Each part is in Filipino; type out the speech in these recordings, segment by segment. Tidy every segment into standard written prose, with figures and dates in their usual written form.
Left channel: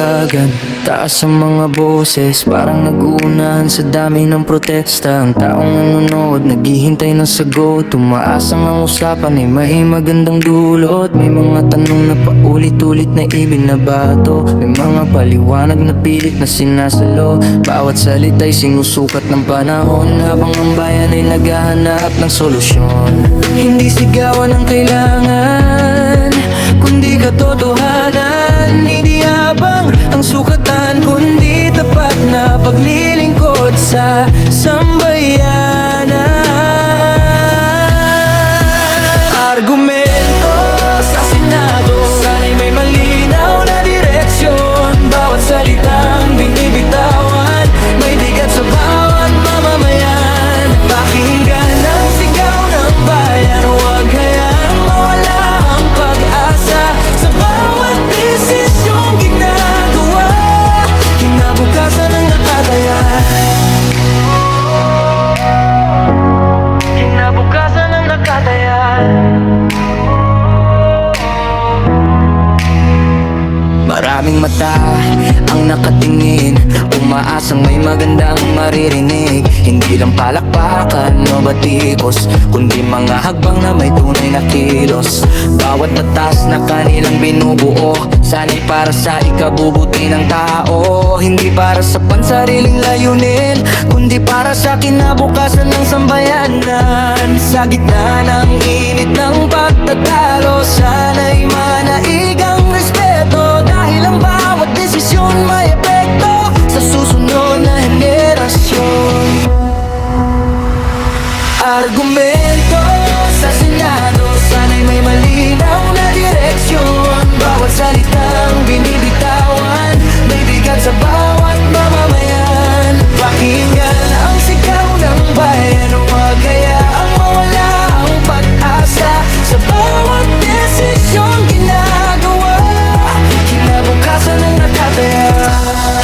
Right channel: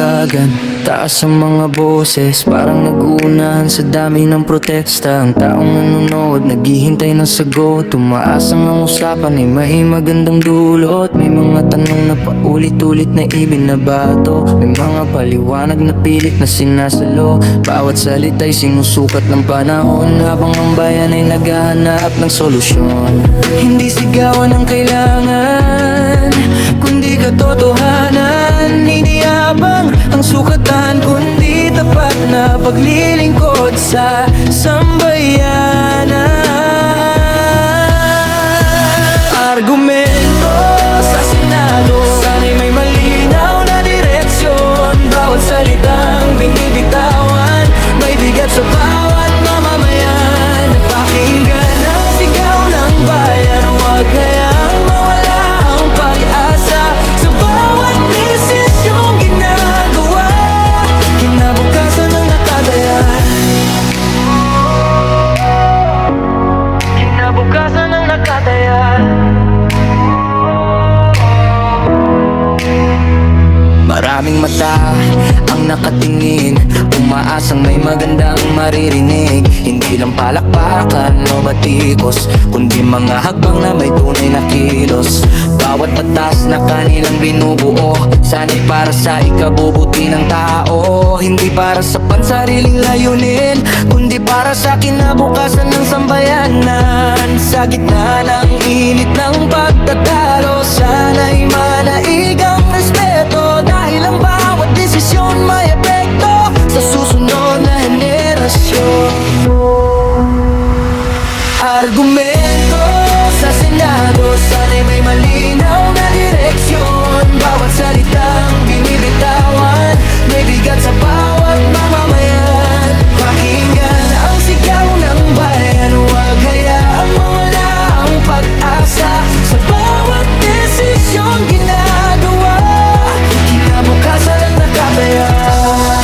bulwagan. Taas ang mga boses, parang nag-uunahan sa dami ng protesta. Ang taong nanonood, naghihintay ng sagot. Tumaas ang usapan ay may magandang dulot. May mga tanong na paulit-ulit na ibinabato. May mga paliwanag na pilit na sinasalo. Bawat salita'y sinusukat ng panahon, habang ang bayan ay naghahanap ng solusyon. Hindi sigawan ang kailangan, kundi katotohanan. Hindi habang ang sukatan, kundi tapat na paglilingkod sa sambayanan. Argumento sa Senado, sana'y may malinaw na direksyon. Bawat salitang binibitawan, may bigat sa bawat mamamayan. Napakinggan ang sigaw ng bayan, huwag hayaang mawala ang pag-asa sa bawat desisyong ginagawa. Kinabukasan ang nakataya, kinabukasan ang nakataya. Maraming mata ang nakatingin, umaasang may magandang maririnig. Hindi lang palakpakan o batikos, kundi mga hagbang na may tunay na kilos. Bawat batas na kanilang binubuo, sana'y para sa ikabubuti ng tao. Hindi para sa pansariling layunin, kundi para sa kinabukasan ng sambayanan. Sa gitna ng init ng pagtatalo, sana'y manaigang respeto, dahil ang bawat desisyon may epekto sa susunod na henerasyon. Argumento sa Senado, sana'y may malinaw na direksyon. Bawat salitang binibitawan, may bigat sa bawat mamamayan. Pakinggan ang sigaw ng bayan, huwag hayaang mawala ang pag-asa sa bawat desisyong ginagawa. Kinabukasan ang nakataya,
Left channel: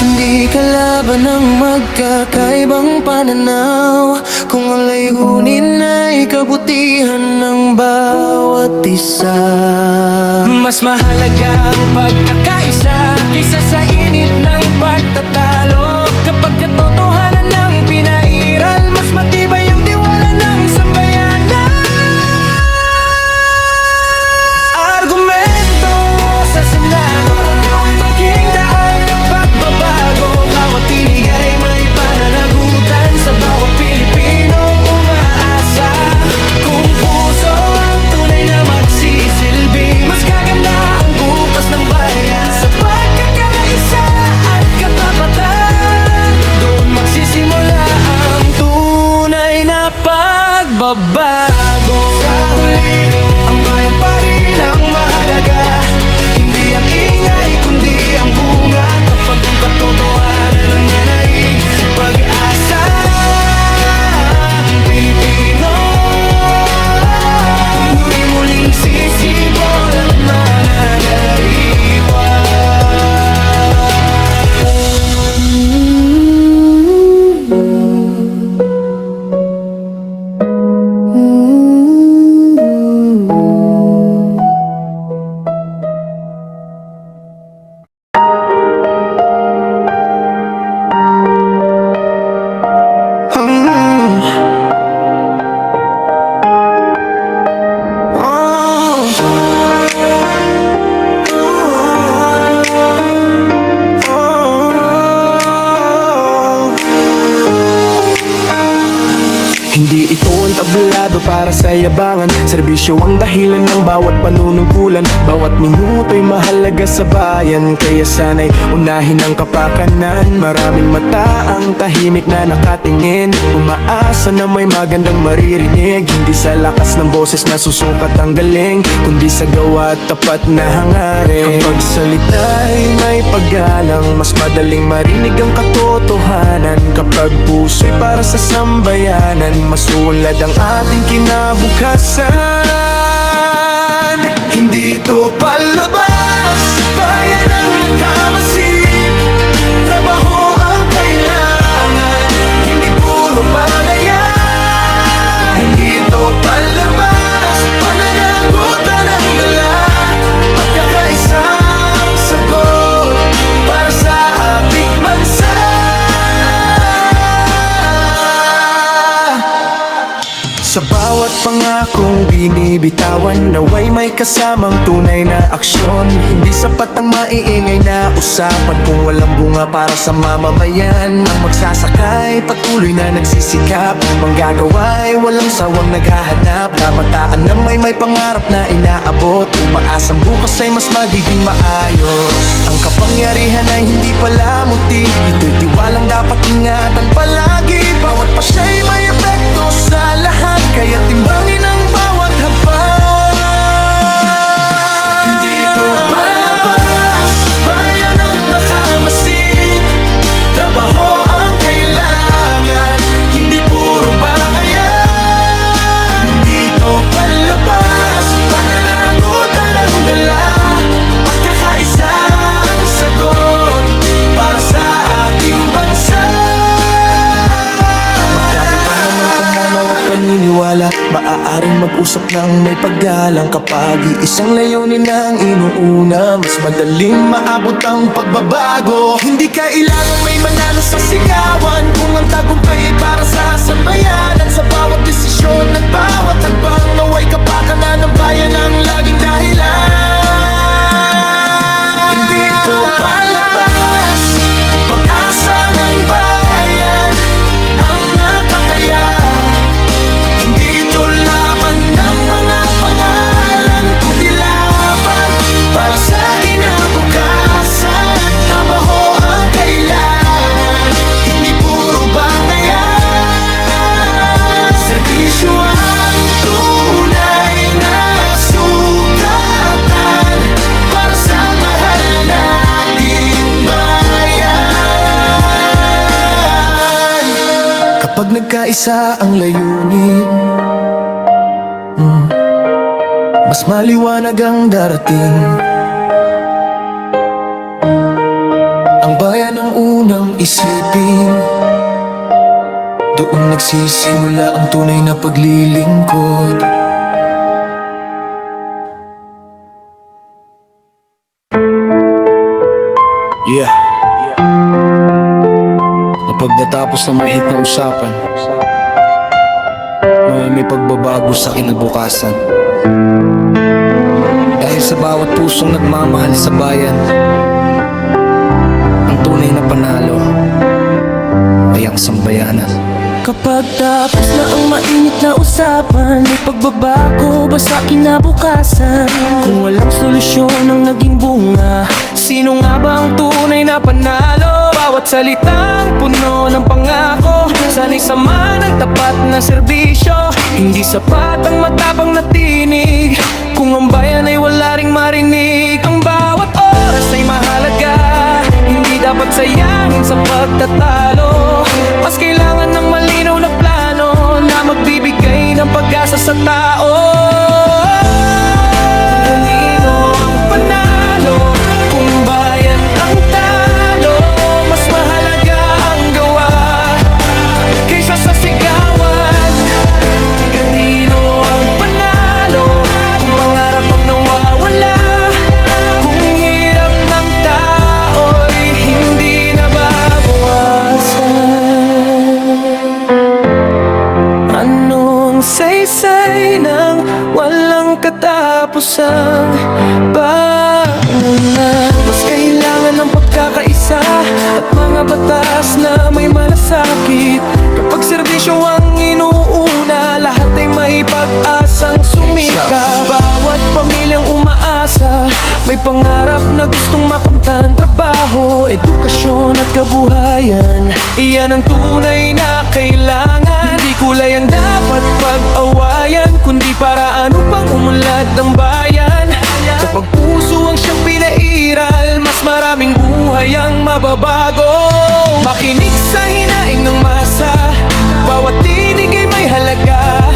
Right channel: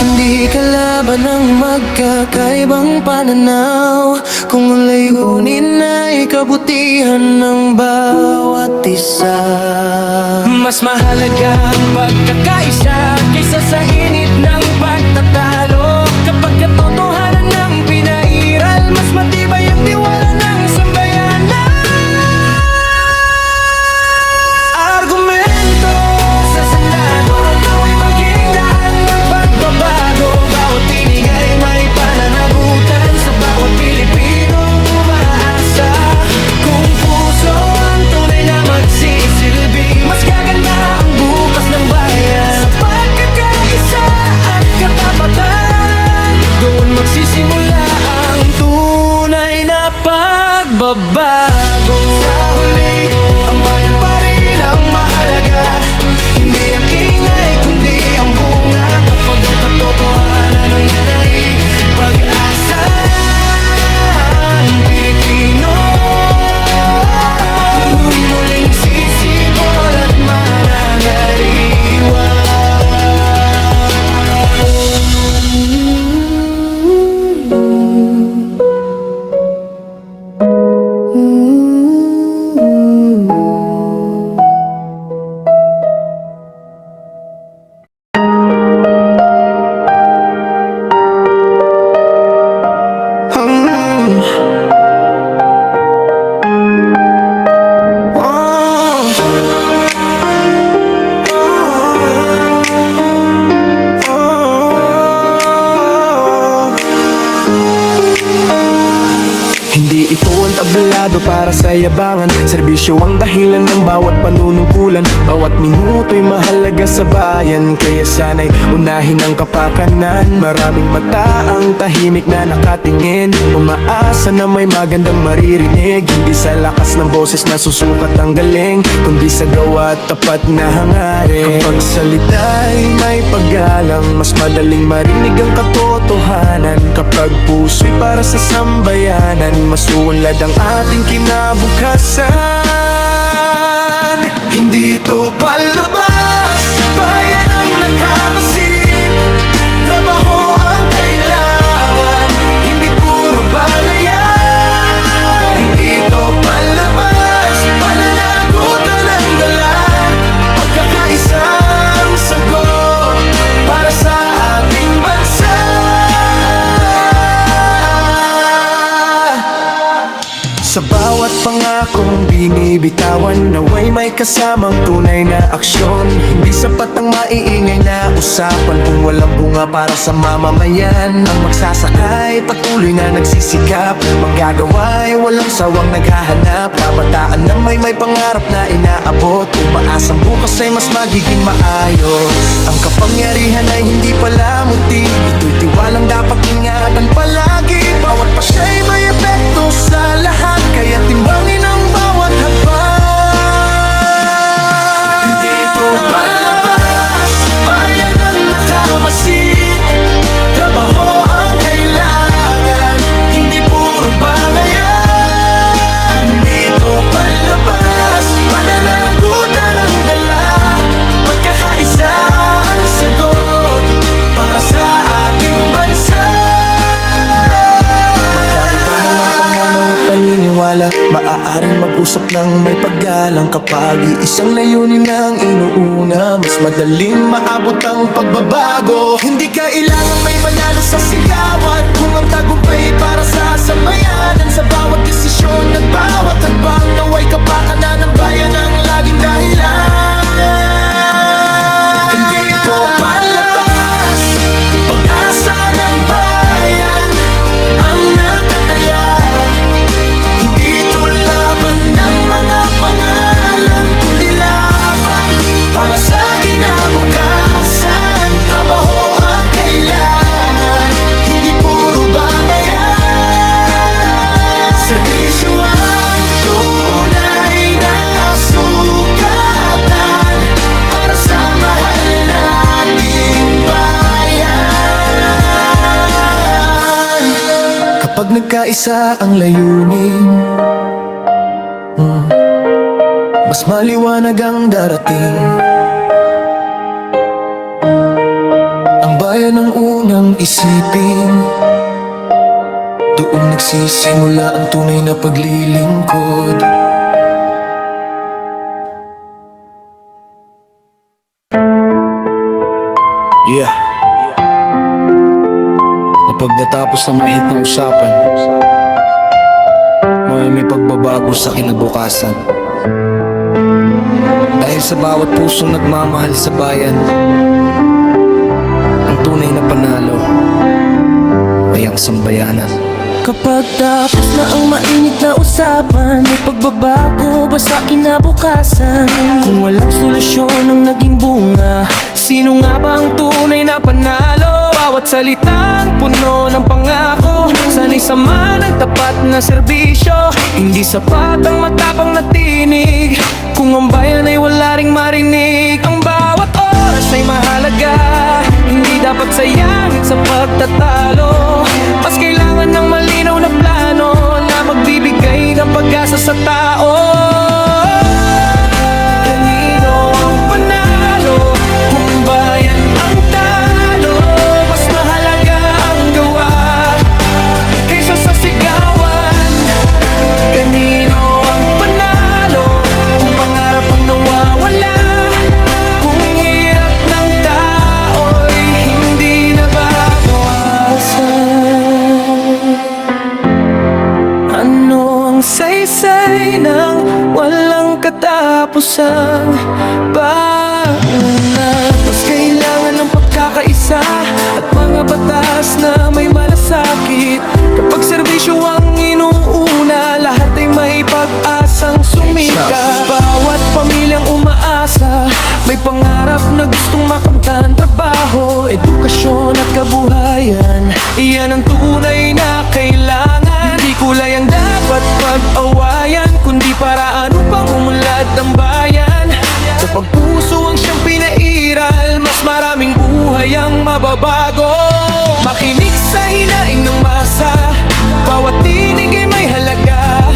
hindi kalaban ng magkakaibang pananaw, kung ang layunin ay kabutihan ng bawat isa. Mas mahalaga ang pagkakaisa kaysa sa init ng pagtatalo. Kapag katotohanan ng pinairal, mas matibay ang tiwala ng sambayanan. Argumento sa Senado, nawa'y maging daan ng pagbabago. Bawat tinig ay may pananagutan, sa bawat Pilipinong umaasa. Kung puso ang tunay na magsisilbi, mas gaganda ang bukas ng bayan. Sa pagkakaisa at katapatan, doon magsisimula ang tunay na pagbabago. Sa huli, ang bayan pa rin ang mahalaga, hindi ang ingay kundi ang bunga. Kapag ang katotohanan ang nanaig, pag-asa ang Pilipino. Muli-muling sisibol at mananariwa. Hindi ito ang tablado para sa yabangan, serbisyo ang dahilan ng bawat panunungkulan. Bawat minuto'y mahalaga sa bayan, kaya sana'y unahin ang kapakanan. Maraming mata ang tahimik na nakatingin, umaasa na may magandang maririnig. Hindi sa lakas ng boses na susukat ang galing, kundi sa gawa at tapat na hangarin. Kapag salita'y may paggalang, mas madaling marinig ang katotohanan. Kapag puso'y para sa sambayanan, mas ulad ang ating kinabukasan. Hindi ito palabas, bayan ang nakamasid. Trabaho ang kailangan, hindi puro balayan. Hindi ito palabas, pananagutan ang dala. Pagkakaisang sagot para Sa bawat pangakong binibitawan, naway may kasamang tunay na aksyon. Hindi sapat ang maiingay na usapan kung walang bunga para sa mamamayan. Ang magsasakay patuloy na nagsisikap, manggagaway walang sawang naghahanap. Kabataan na may pangarap na inaabot, umaasang bukas ay mas magiging maayos. Ang kapangyarihan ay hindi pala muti, ito'y tiwalang dapat ingatan palagi. Bawat pasya'y may epekto sa lahat, kaya timbangin ang bawat hakbang. Hindi ito palabas, bayan ang nakamasid. Trabaho ang kailangan, hindi puro bangayan. Hindi ito palabas, pananagutan ang dala. Pagkakaisa ang sagot para sa ating bansa. Magkaiba naman panganaw at paniniwala, maaaring mag-usap ng may paggalang. Kapag isang layunin ang inuuna, mas madaling maabot ang pagbabago. Hindi kailangang may manalo sa sigawan, kung ang tagumpay ay para sa sambayanan. Sa bawat desisyon at bawat hakbang, naway kapakanan ng bayan ang laging dahilan. Hindi ito palabas, pag-asa ng bayan ang nakataya. Hindi ito laban ng mga pangalan, kundi laban para sa kinabukasan. Trabaho ang kailangan, hindi puro bangayan. Serbisyo ang tunay na sukatan para sa mahal nating bayan. Kapag nagkaisa ang layunin, mas maliwanag ang darating. Ang bayan ang unang isipin, doon nagsisimula ang tunay na paglilingkod. Yeah. Kapag natapos na mahit na usapan, may pagbabago sa kinabukasan. Dahil sa bawat pusong nagmamahal sa bayan, ang tunay na panalo ay ang sambayanan. Kapag tapos na ang mainit na usapan, may pagbabago ba sa kinabukasan? Kung walang solusyon ang naging bunga, sino nga ba ang tunay na panalo? Bawat salitang puno ng pangako, sana'y sama ng tapat na serbisyo. Hindi sapat ang matapang na tinig, kung ang bayan ay wala ring marinig. Ang bawat oras ay mahalaga, hindi dapat sayangin sa pagtatalo. Mas kailangan ng malinaw na plano na magbibigay ng pag-asa sa tao. Kanino ang panalo kung bayan ang talo? Mas mahalaga ang gawa kaysa sa sigawan. Kanino ang panalo kung pangarap ang nawawala? Kung hirap ng tao'y hindi nababawasan. Ano ang saysay ng walang katapusang bangunan? Mas kailangan ng pagkakaisa at mga batas na may malasakit. Kapag serbisyo ang inuuna, lahat ay may pag-asang sumika. Bawat pamilyang umaasa, may pangarap na gustong makamtan. Trabaho, edukasyon at kabuhayan, iyan ang tunay na kailangan. Hindi kulay ang dapat pag-awayan, kundi paraan upang umunlad ng bayan. Kapag puso ang siyang pinairal, mas maraming buhay ang mababago. Makinig sa hinaing ng masa, bawat tinig ay may halaga.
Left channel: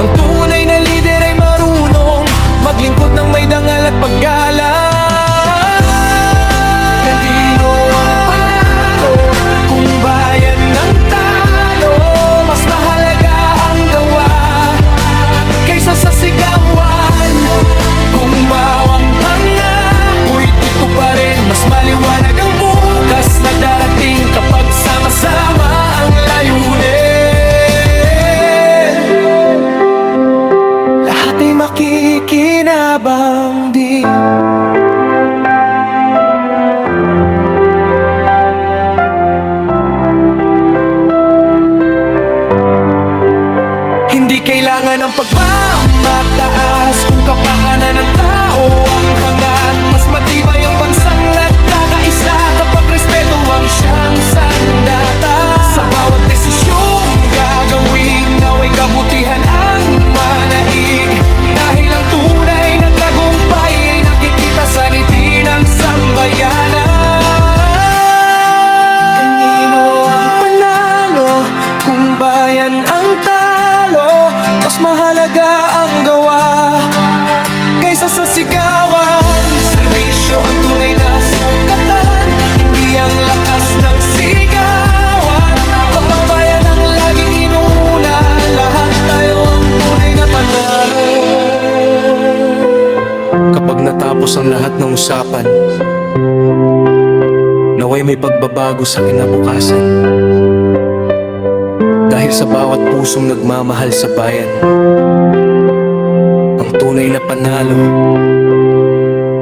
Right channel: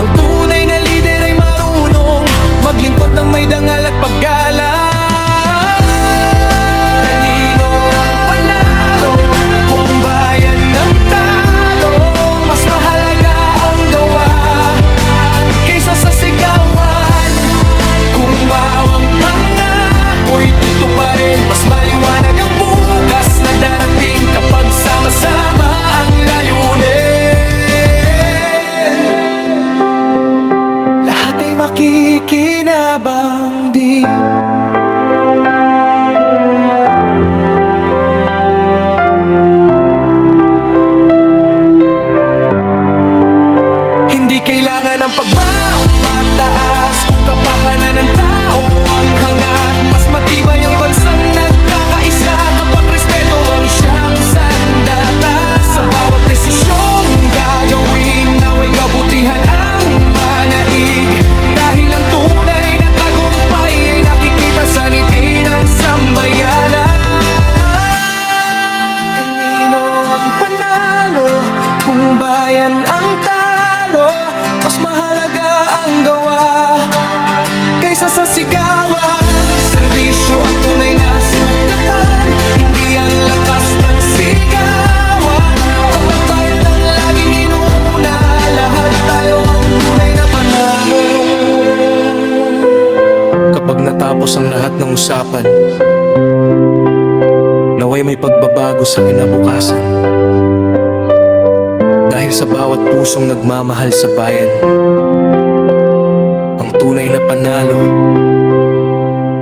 Ang tunay na lider ay marunong maglingkod ng may dangal at paggalang. Kanino ang panalo kung bayan ng talo? Mas mahalaga ang gawa kaysa sa sigawan. Kung bawang pangako'y tutuparin, mas maliwanag ang bukas na darating kapag sama-sama. Hindi kailangan ng pagmamataas kung kapakanan ng tao ang hangat. Mas matibay ang bansang nagkakaisa kapag respeto ang siyang sandata. Sa bawat desisyong gagawin, naway kabutihan ang manaig. Dahil ang tunay na tagumpay ay nakikita sa ngiti ng sambayanan. Kanino ang panalo kung bayan ang talo? Mas mahalaga ang gawa kaysa sa sigawan. Serbisyo ang tunay na sukatan, hindi ang lakas ng sigawan. Kapag bayan ang laging inuuna, lahat tayo ang tunay na panalo. Kapag natapos ang lahat ng usapan, naway may pagbabago sa kinabukasan. Dahil sa bawat pusong nagmamahal sa bayan, ang tunay na panalo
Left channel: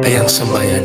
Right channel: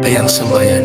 ay ang sambayan.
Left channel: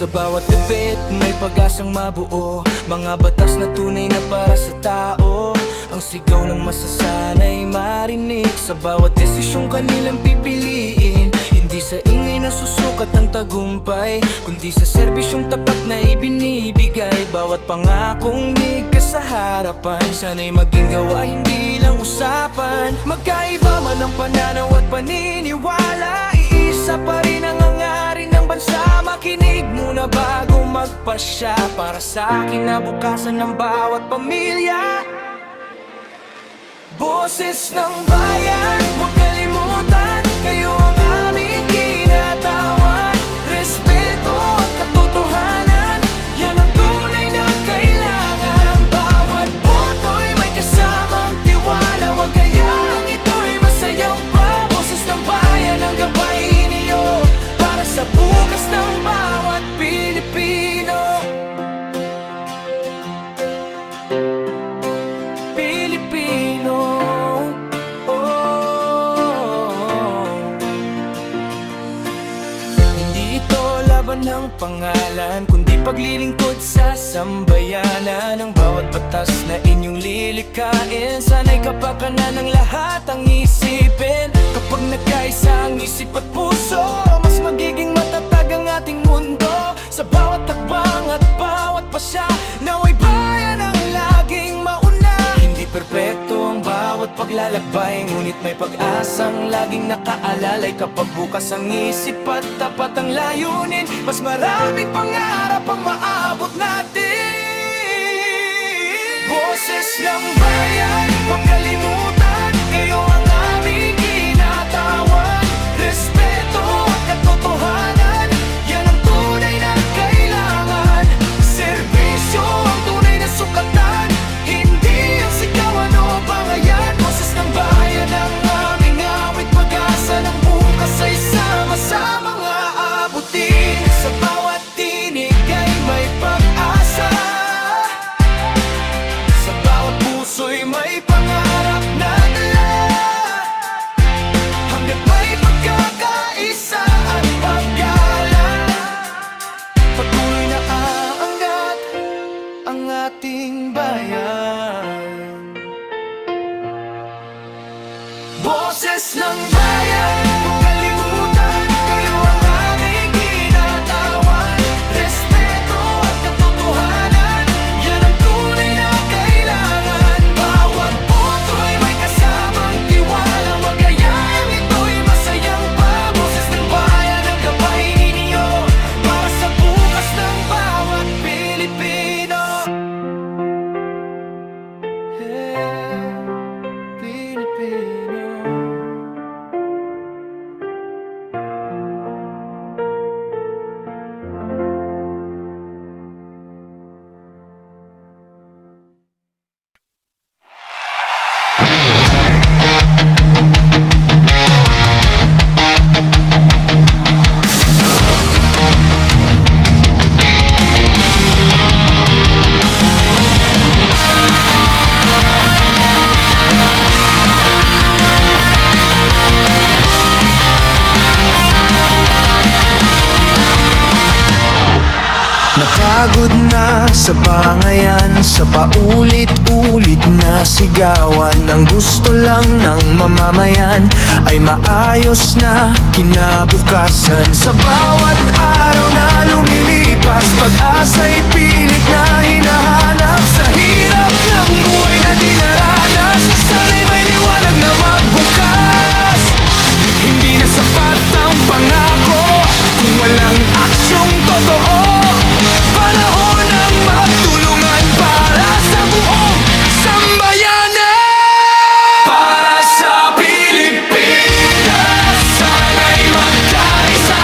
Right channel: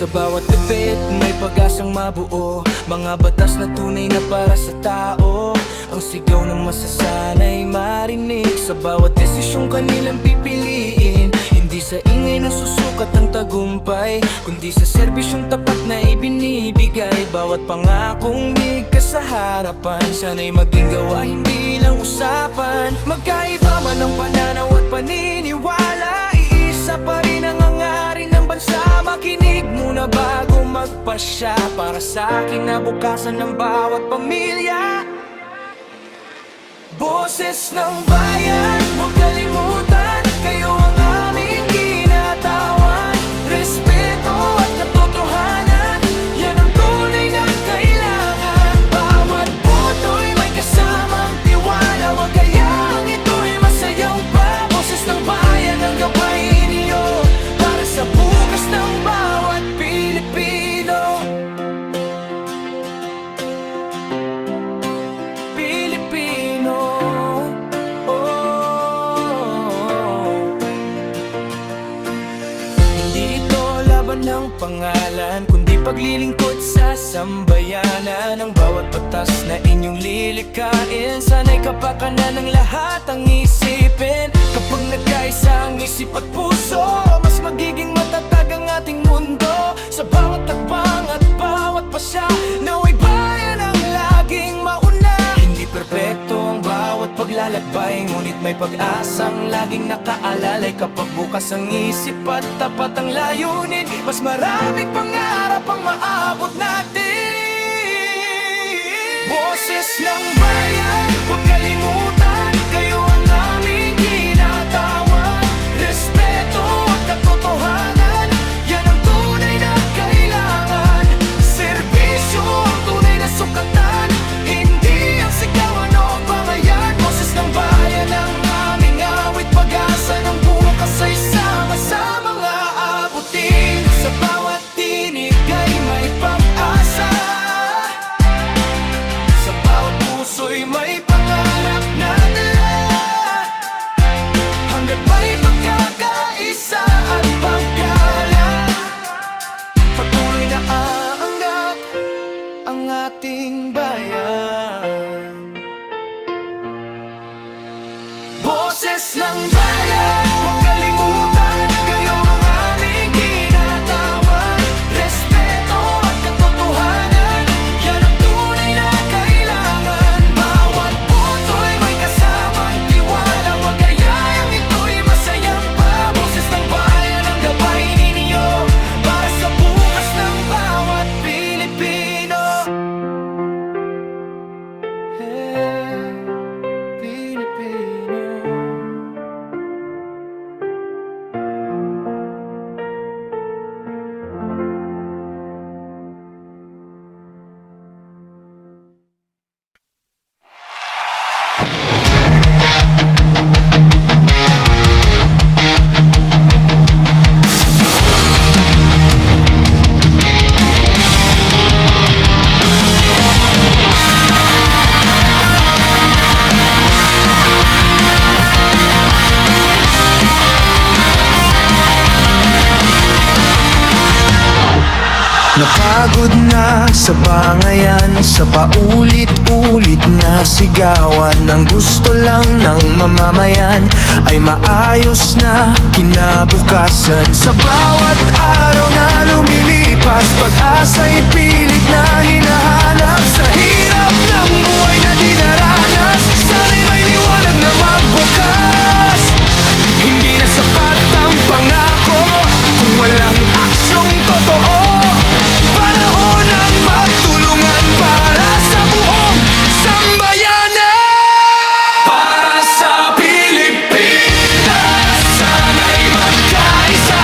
Sa bawat gabit may pag-asang mabuo, mga batas na tunay na para sa tao. Ang sigaw ng masasanay marinig sa bawat desisyong kanilang pipiliin. Hindi sa ingay na susukat ang tagumpay, kundi sa serbisyong tapat na ibinibigay. Bawat pangakong nigkas sa harapan, sana'y maging gawa, hindi lang usapan. Magkaiba man ang pananaw at paniniwala, iisa pa rin ang hangarin ng bansa. Makinig muna bago magpasya para sa kinabukasan ng bawat pamilya. Boses ng bayan, huwag kalimutan, kayo ang aming kinatawan. Respeto at katotohanan, yan ang tunay na kailangan. Bawat boto'y may kasamang tiwala, huwag kayang ito'y masayang pa. Boses ng bayan ang gabay niyo para sa bukas ng bawat Pilipino. Pilipino, oh. Hindi ito laban ng pangalan, kundi paglilingkod sa sambayanan. Ang bawat batas na inyong lilikain, sana'y kapakanan ng lahat ang isipin. Kapag nagkaisa ang isip at puso, mas magiging matatag ang ating mundo. Sa bawat takbang at bawat pasya, naway bayan ang laging mauna. Hindi perpekto ang bawat paglalakbay, ngunit may pag-asang laging nakaalalay. Kapag bukas ang isip at tapat ang layunin, mas maraming pangarap ang maabot natin. Boses ng bayan, huwag kalimutan, kayo ang aming kinatawan. Respeto at katotohanan, yan ang tunay na kailangan. Serbisyo ang tunay na sukatan, hindi ang sigawan o bangayan. Boses ng bayan ang aming awit, pag-asa ng bukas ay sama-samang aabutin. Sa bawat tinig ay may pag-asa, sa bawat puso'y may pangarap na dala. Hanggat may pagkakaisa at paggalang, patuloy na aangat ang ating bayan. Boses ng bayan, huwag kalimutan, kayo ang aming kinatawan. Respeto at katotohanan, yan ang tunay na kailangan. Bawat boto'y may kasamang tiwala, huwag kayang ito'y masayang pa. Boses ng bayan ang gabay ninyo para sa bukas ng bawat Pilipino. Pilipino. Pagod na sa bangayan, sa paulit-ulit na sigawan. Ang gusto lang ng mamamayan ay maayos na kinabukasan. Sa bawat araw na lumilipas, pag-asa'y pilit na hinahanap. Sa hirap ng buhay na dinaranas, sana'y may liwanag na magbukas. Hindi na sapat ang pangako kung walang aksyong totoo. Panahon ng magtulungan para sa buong sambayanan. Para sa Pilipinas, sana'y magkaisa.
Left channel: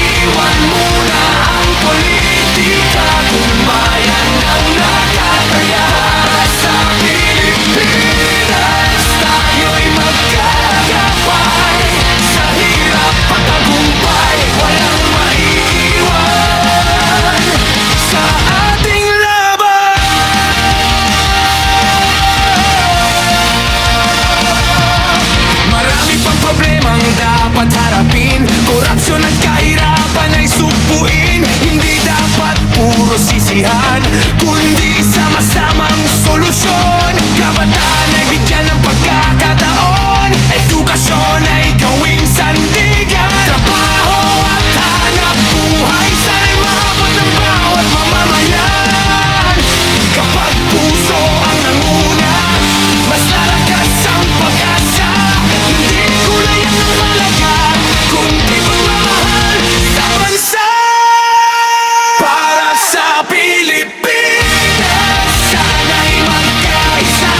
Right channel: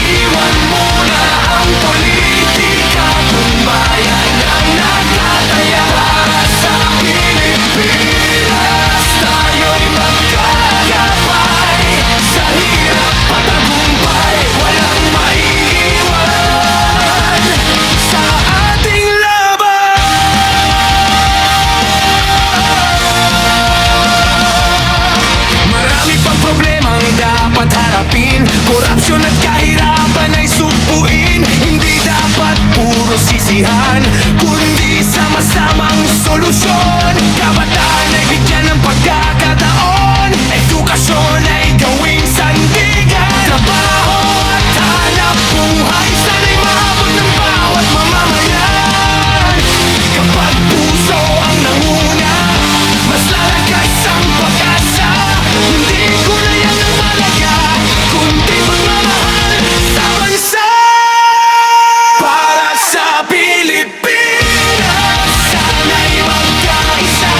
Iwan muna ang politika kung bayan ang nakataya. Para sa Pilipinas, tayo'y magkagabay. Sa hirap patagumpay, walang maiiwan sa ating laban. Marami pang problemang dapat harapin. Korupsyon at kahirapan ay sugpuin. Hindi dapat puro sisihan, kundi sama-samang solusyon. Kabataan ay bigyan ng pagkakataon. Edukasyon ay gawing sandigan. Trabaho at hanap buhay, sana'y maabot ng bawat mamamayan. Kapag puso ang nanguna, mas lalakas ang pag-asa. Hindi kulayang ng malaga, kundi pagmamahal sa bansa. Para sa Pilipinas, sana'y magkaisa.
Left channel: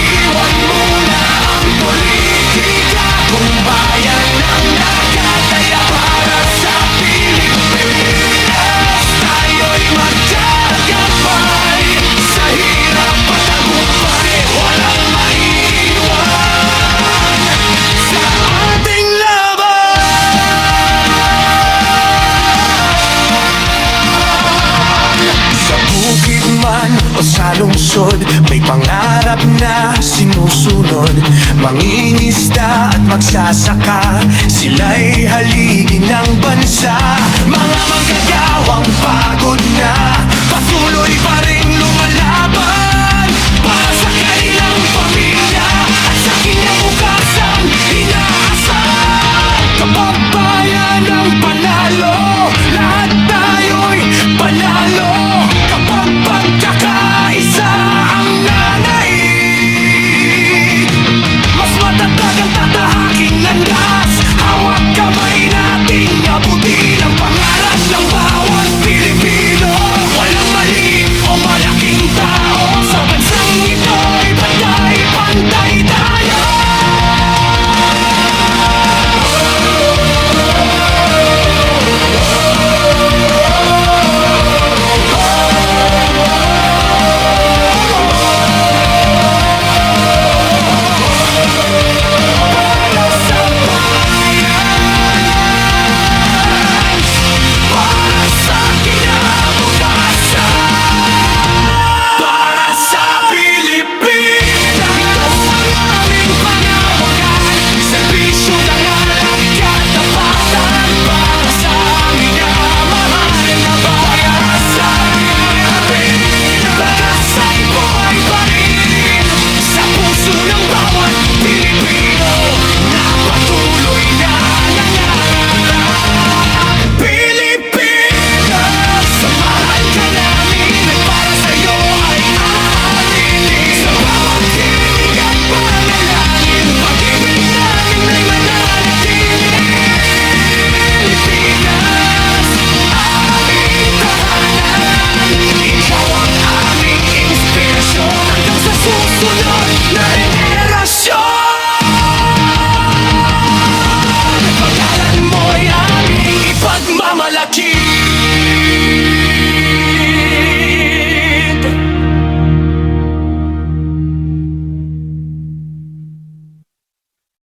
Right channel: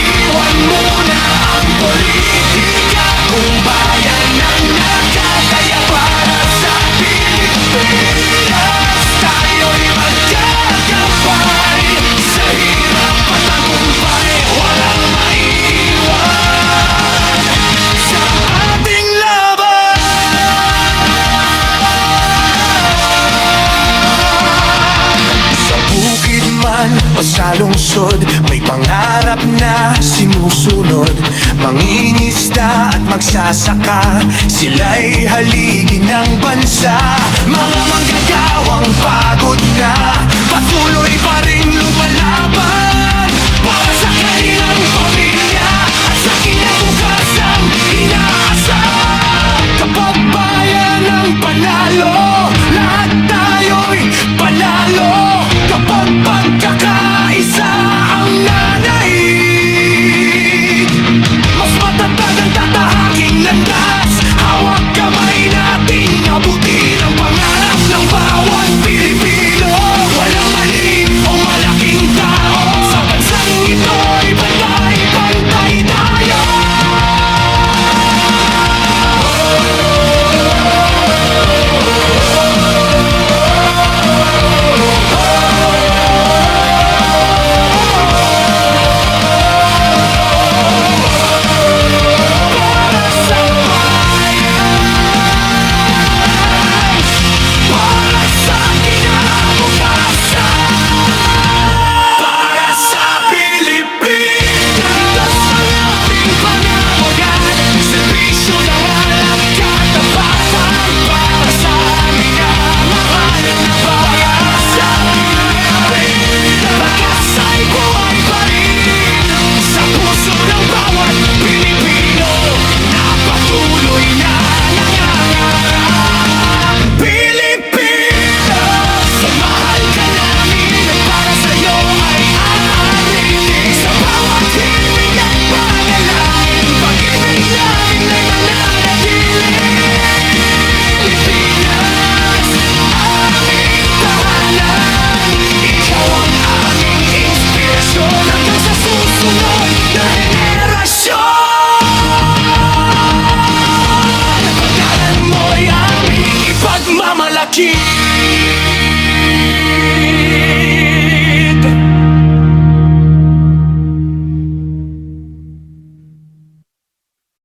Iwan muna ang politika kung bayan ang nakataya. Para sa Pilipinas, tayo'y magkagabay. Sa hirap patagumpay, walang maiiwan sa ating laban. Sa bukid man o sa lungsod, may pangarap na sinusunod. Mangingisda at magsasaka, sila'y haligi ng bansa. Mga manggagawang pagod na, patuloy pa ring lumalaban. Para sa kanilang pamilya at sa kinabukasang inaasam. Kapag bayan ang panalo, lahat tayo'y panalo. Kapag pagkakaisa ang nanaig, mas matatag ang tatahaking landas. Hawak kamay nating abutin ang pangarap ng bawat Pilipino. Walang maliit o malaking tao, sa bansang ito'y pantay-pantay tayo. Para sa bayan, para sa kinabukasan, para sa Pilipinas. Ito ang aming panawagan, serbisyo, dangal at katapatan. Para sa minamahal na bayan. Para sa Pilipinas, lakas ay buhay pa rin sa puso ng bawat Pilipino na patuloy na nangangarap. Pilipinas, mahal ka namin at para sa'yo ay aaritin. Sa bawat himig at panalangin, pag-ibig namin ay mananatili. Pilipinas, aming tahanan. Ikaw ang aming inspirasyon hanggang sa susunod na henerasyon. Pagkalan mo'y aming ipagmamalaki.